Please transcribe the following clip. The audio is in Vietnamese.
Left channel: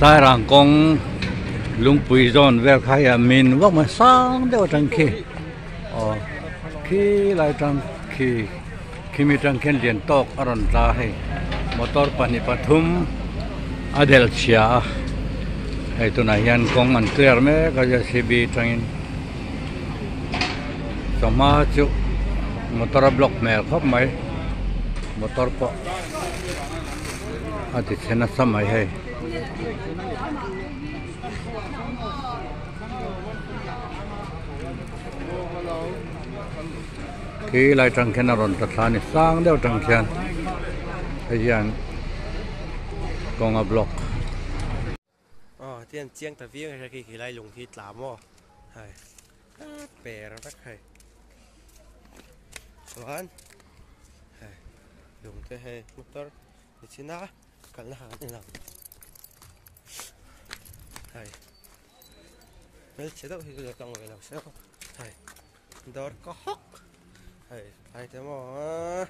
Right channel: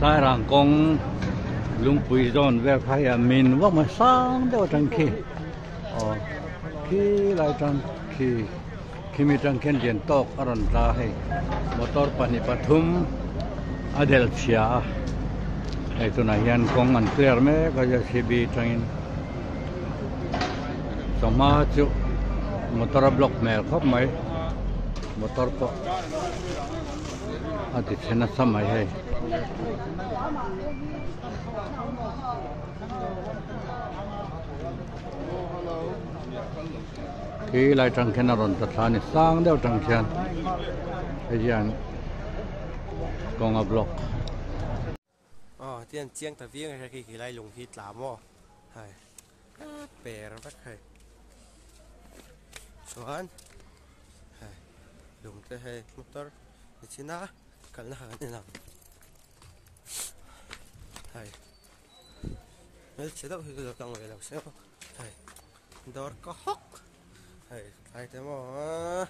sairang kong lungpui zon vel khai min wak ma sang deuh tang khi khi lai tang khi mi tang khen lian tok aron ta hei motor pani pathum adel chia hei tuna hian kong an clear me ka JCB tangin sama chu motor block mel khop mai motor po ati chena samai hei khi lại trăng khen aron Thawhtanni sang đeo trăng khen hian con a block tiền chiang ta viếng hay khi lại lùng khi làm mò hay bè nó bắt hay xoan hay lùng cái hay motor thì xin á cần là như nào hay mấy sẽ đâu thì được trong người làm sao hay đó có hốc hay thế mà